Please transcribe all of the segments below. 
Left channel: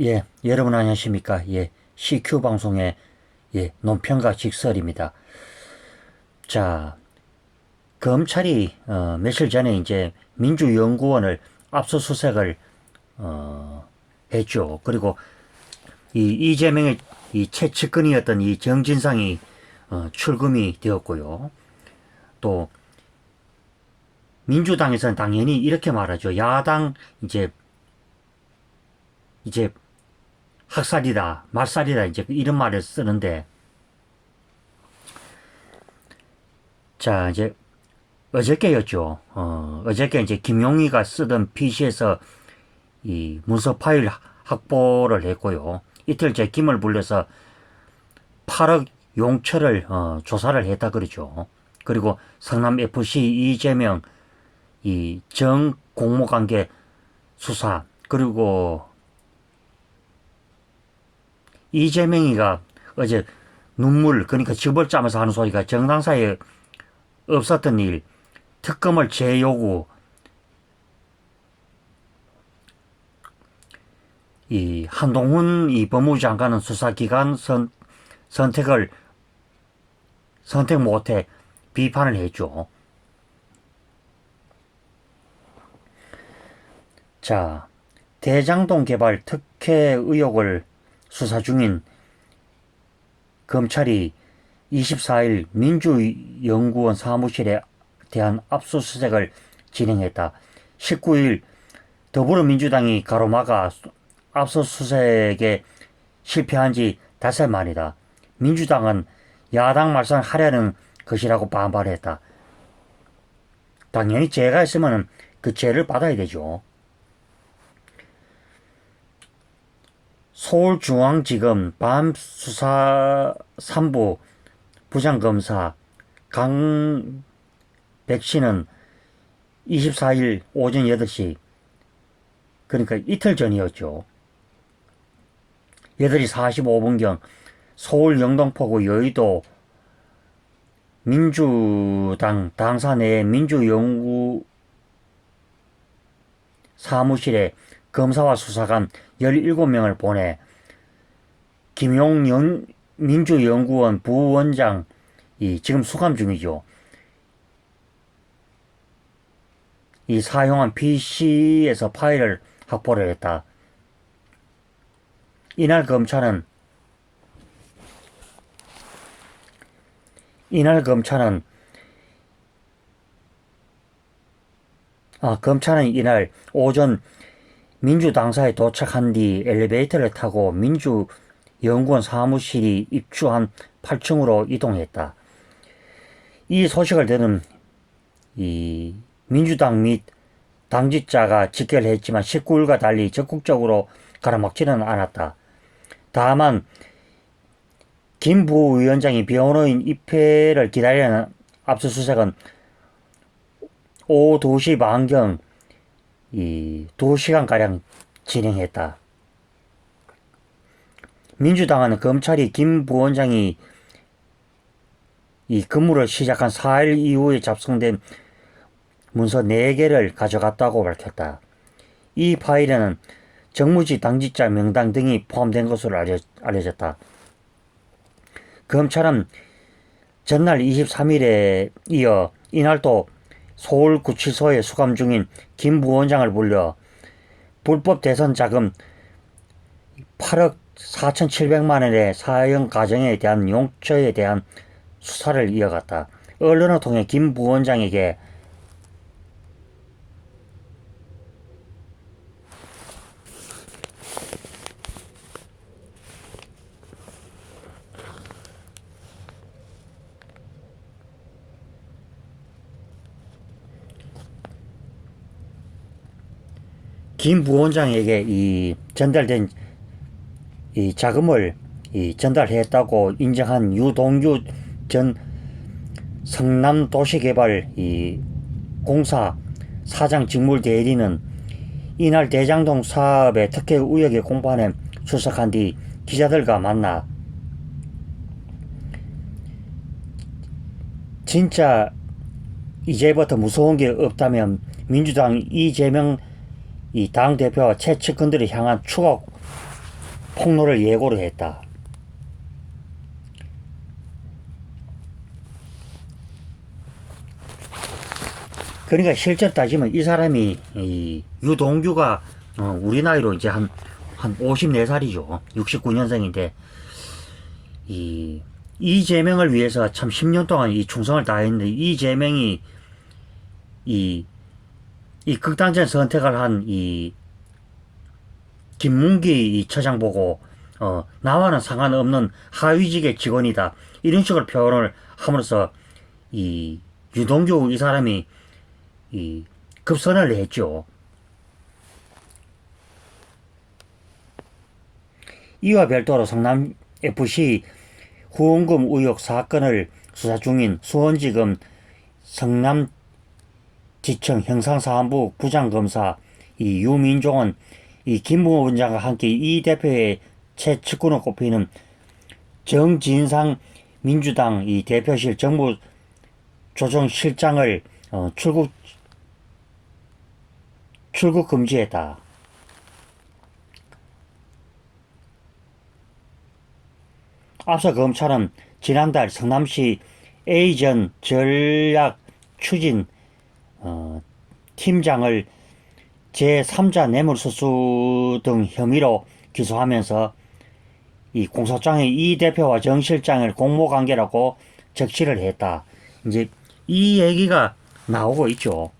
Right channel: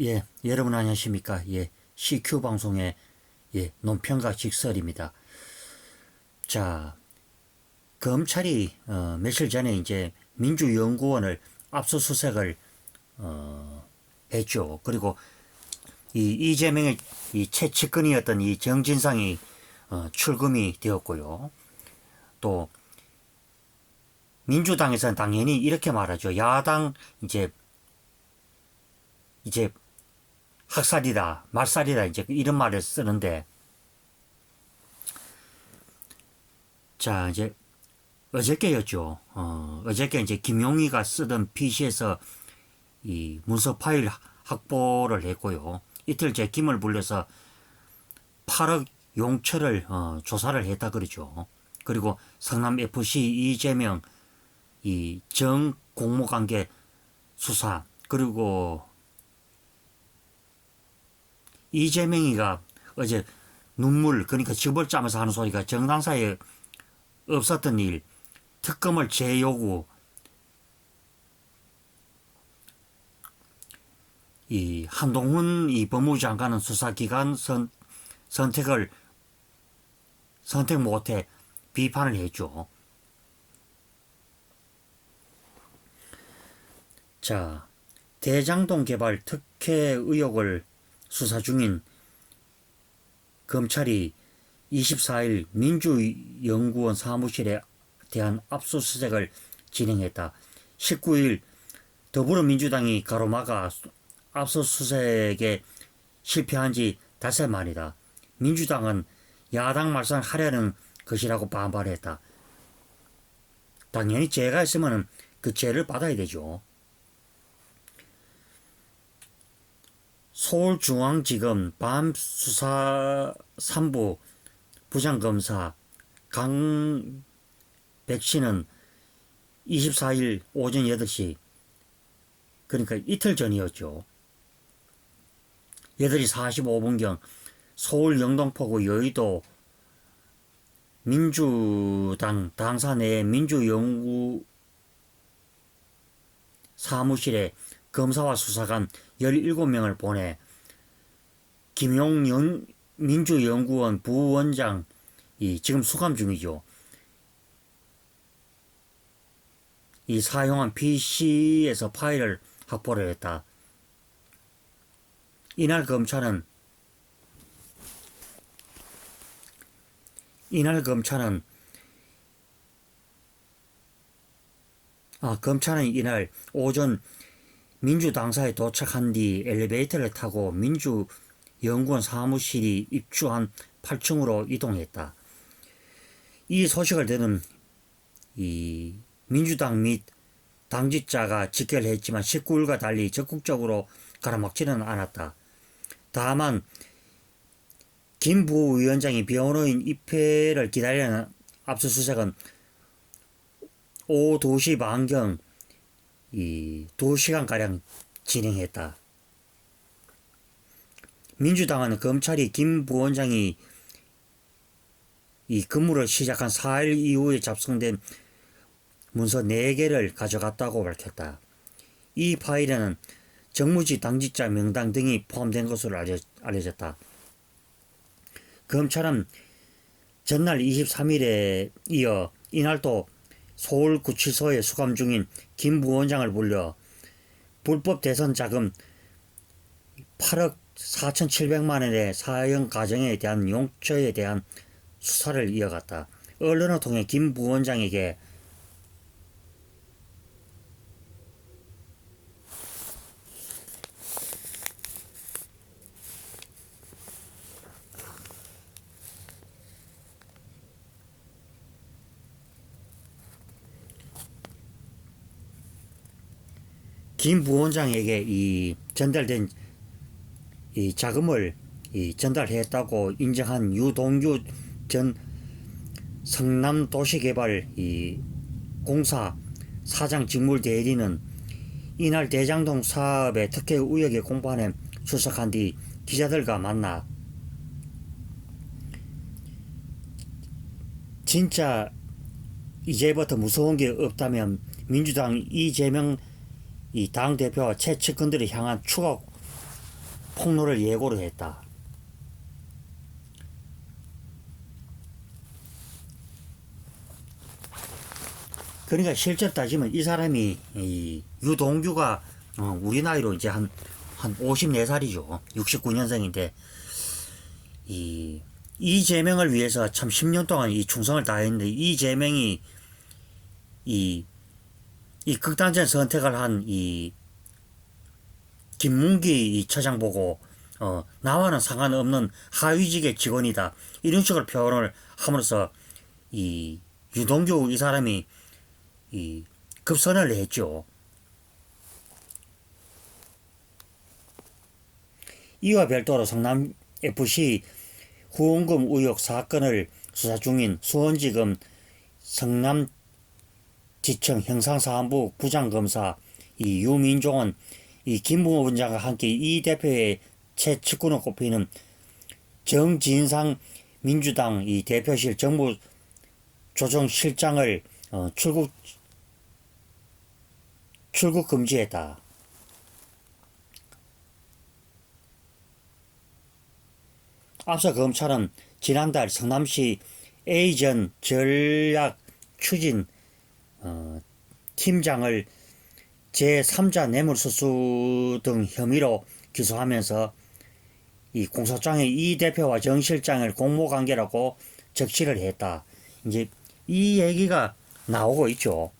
예, 여러분 안녕하십니까? 예, CQ 방송의 논평가 직설입니다. 자, 검찰이 며칠 전에 이제 민주연구원을 압수수색을 했죠. 그리고 이 이재명의 이 최측근이었던 이 정진상이 출금이 되었고요. 또 민주당에서는 당연히 이렇게 말하죠. 야당 이제 학살이다, 말살이다, 이제 이런 말을 쓰는데, 자, 이제 어저께였죠. 어저께 이제 김용희가 쓰던 PC에서 이 문서 파일 확보를 했고요. 이틀째 김을 불려서 8억 용처를 조사를 했다 그러죠. 그리고 성남FC 이재명 이 정 공모관계 수사, 그리고 이재명이가 어제 눈물, 그러니까 즙을 짜면서 하는 소리가 정당사에 없었던 일, 특검을 재요구, 이 한동훈 이 법무부 장관은 수사기관 선택 못해 비판을 했죠. 자, 대장동 개발 특혜 의혹을 수사 중인 검찰이 24일 민주연구원 사무실에 대한 압수수색을 진행했다. 19일 더불어민주당이 가로막아 압수수색에 실패한 지 닷새 만이다. 민주당은 야당 말살하려는 것이라고 반발했다. 당연히 죄가 있으면 그 죄를 받아야 되죠. 서울중앙지검 밤수사 3부 부장검사 강백신은 24일 오전 8시, 그러니까 이틀 전이었죠. 8시 45분경 서울 영등포구 여의도 민주당 당사 내 민주연구 사무실에 검사와 수사관 17명을 보내 김용 민주연구원 부원장이 지금 수감 중이죠. 이 사용한 PC에서 파일을 확보를 했다. 이날 검찰은 이날 오전 민주당사에 도착한 뒤 엘리베이터를 타고 민주연구원 사무실이 입주한 8층으로 이동했다. 이 소식을 들은 이 민주당 및 당직자가 직결을 했지만 19일과 달리 적극적으로 가로막지는 않았다. 다만 김 부위원장이 변호인 입회를 기다리는 압수수색은 오후 2시 반경 2시간가량 진행했다. 민주당은 검찰이 김 부원장이 이 근무를 시작한 4일 이후에 잡성된 문서 4개를 가져갔다고 밝혔다. 이 파일에는 정무직 당직자 명단 등이 포함된 것으로 알려졌다. 검찰은 전날 23일에 이어 이날도 서울구치소에 수감 중인 김 부원장을 불려 불법 대선 자금 8억 4,700만 원의 사용 과정에 대한 용처에 대한 수사를 이어갔다. 언론을 통해 김 부원장에게 김 부원장에게 이 전달된 이 자금을 전달했다고 인정한 유동규 전 성남도시개발 공사 사장 직물 대리는 이날 대장동 사업의 특혜 의혹의 공판에 출석한 뒤 기자들과 만나 진짜 이제부터 무서운 게 없다면 민주당 이재명 이 당대표와 최측근들을 향한 추가 폭로를 예고로 했다. 그러니까 실제로 따지면 이 사람이 이 유동규가 우리 나이로 이제 한 54살이죠. 69년생인데 이재명을 위해서 참 10년 동안 이 충성을 다했는데 이재명이 이 극단적 선택을 한 이 김문기 이 처장 보고 나와는 상관없는 하위직의 직원이다 이런 식으로 표현을 함으로써 이 유동규 이 사람이 이 급선을 했죠. 이와 별도로 성남FC 후원금 의혹 사건을 수사 중인 수원지검 성남지청 형사사무부 부장검사 이 유민종은 이 김부호 원장과 함께 이 대표의 최측근으로 꼽히는 정진상 민주당 이 대표실 정무조정실장을 출국 금지했다. 앞서 검찰은 지난달 성남시 A전 전략 추진 팀장을 제3자 뇌물수수 등 혐의로 기소하면서 이 공소장에 이 대표와 정 실장을 공모관계라고 적시를 했다. 이제 이 얘기가 나오고 있죠.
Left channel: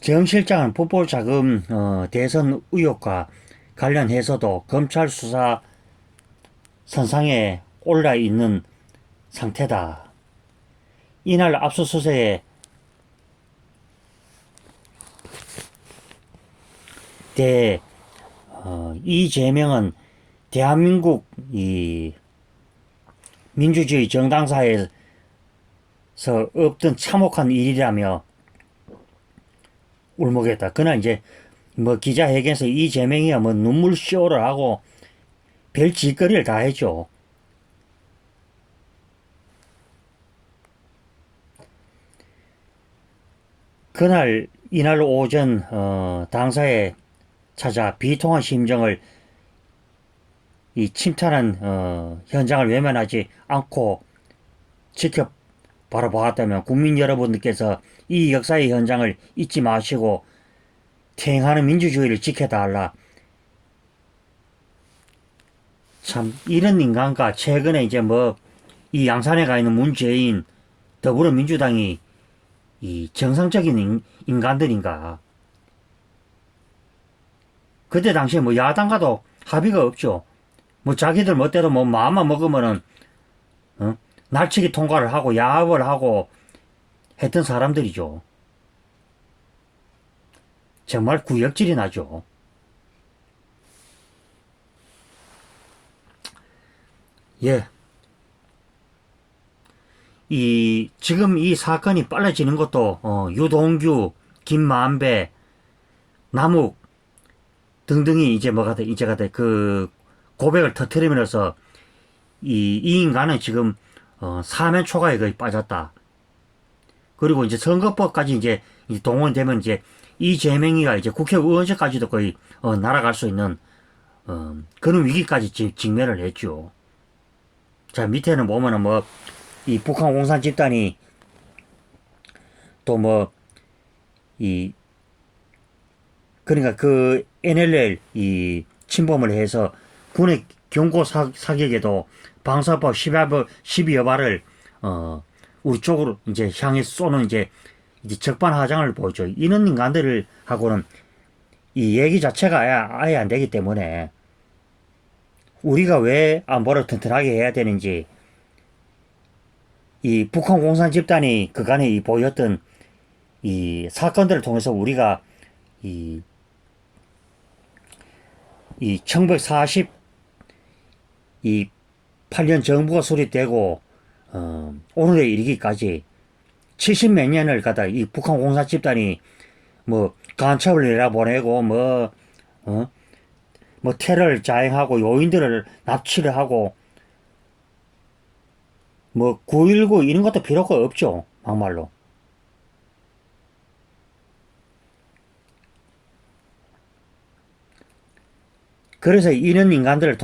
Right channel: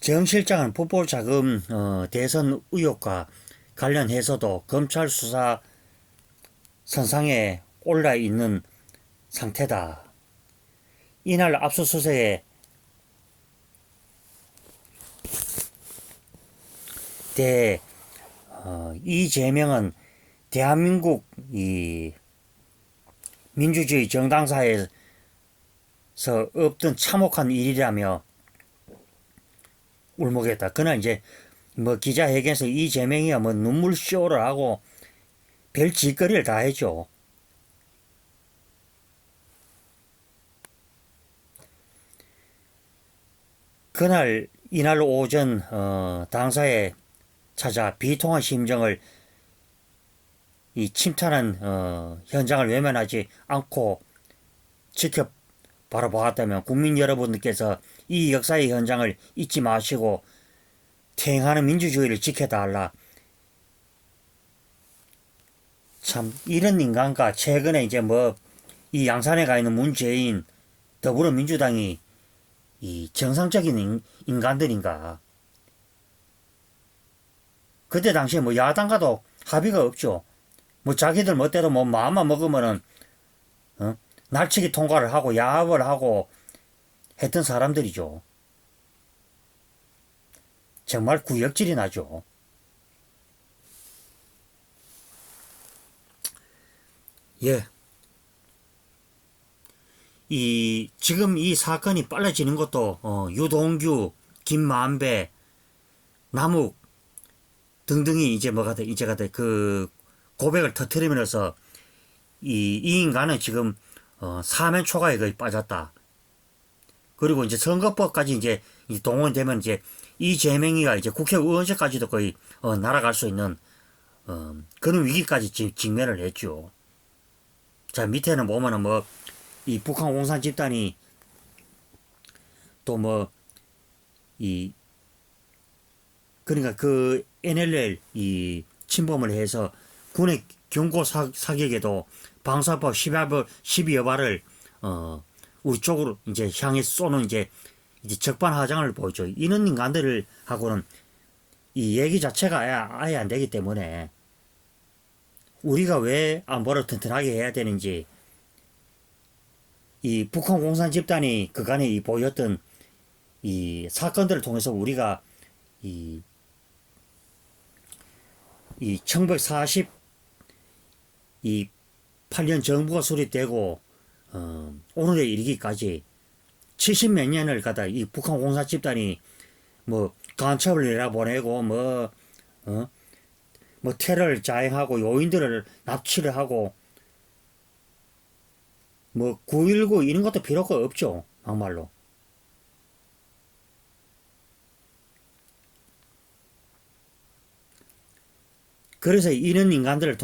정 실장은 풋볼 자금 대선 의혹과 관련해서도 검찰 수사 선상에 올라 있는 상태다. 이날 압수수색에 대해 이재명은 대한민국 이 민주주의 정당사에서 없던 참혹한 일이라며 울먹였다. 그날 이제 뭐 기자회견에서 이재명이야 뭐 눈물 쇼를 하고 별 짓거리를 다 했죠. 이날 오전 당사에 찾아 비통한 심정을 이 침탈한 현장을 외면하지 않고 지켜 바라보았다면 국민 여러분들께서 이 역사의 현장을 잊지 마시고 태행하는 민주주의를 지켜달라. 참 이런 인간과 최근에 이제 뭐 이 양산에 가 있는 문재인 더불어민주당이 이 정상적인 인간들인가. 그때 당시에 뭐 야당과도 합의가 없죠. 뭐 자기들 멋대로 뭐 마음만 먹으면은 날치기 통과를 하고 야합을 하고 했던 사람들이죠. 정말 구역질이 나죠. 예. 지금 이 사건이 빨라지는 것도 유동규, 김만배, 남욱 등등이 이제 그 고백을 터뜨리면서 이 인간은 지금 사면 초과에 거의 빠졌다. 그리고 이제 선거법까지 이제 동원되면 이제 이재명이가 이제 국회의원직까지도 거의 날아갈 수 있는 그런 위기까지 직면을 했죠. 자, 밑에는 보면은 뭐 이 북한 공산 집단이 또 뭐 그러니까 그 NLL 이 침범을 해서 군의 경고 사격에도 방사법 12여 발을 우리 쪽으로 이제 향해 쏘는 이제 적반하장을 보죠. 이런 인간들을 하고는 이 얘기 자체가 아예 안 되기 때문에 우리가 왜 안보를 튼튼하게 해야 되는지 이 북한 공산 집단이 그간에 보였던 이 사건들을 통해서 우리가 이 1948년 정부가 수립되고 오늘에 이르기까지 70몇 년을 가다 이 북한 공산 집단이 뭐 간첩을 내려보내고 뭐 테러를 자행하고 요인들을 납치를 하고 뭐 919 이런 것도 필요가 없죠. 막말로. 그래서 이런 인간들을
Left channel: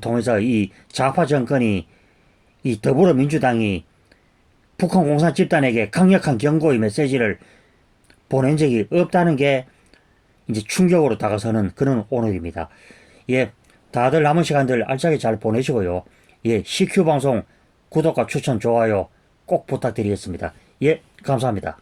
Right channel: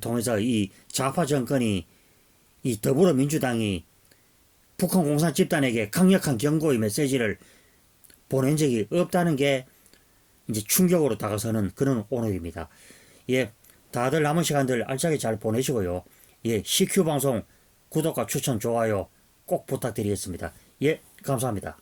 통해서 이 좌파 정권이 이 더불어민주당이 북한 공산 집단에게 강력한 경고의 메시지를 보낸 적이 없다는 게 이제 충격으로 다가서는 그런 오늘입니다. 예, 다들 남은 시간들 알차게 잘 보내시고요. 예, CQ 방송 구독과 추천, 좋아요 꼭 부탁드리겠습니다. 예, 감사합니다.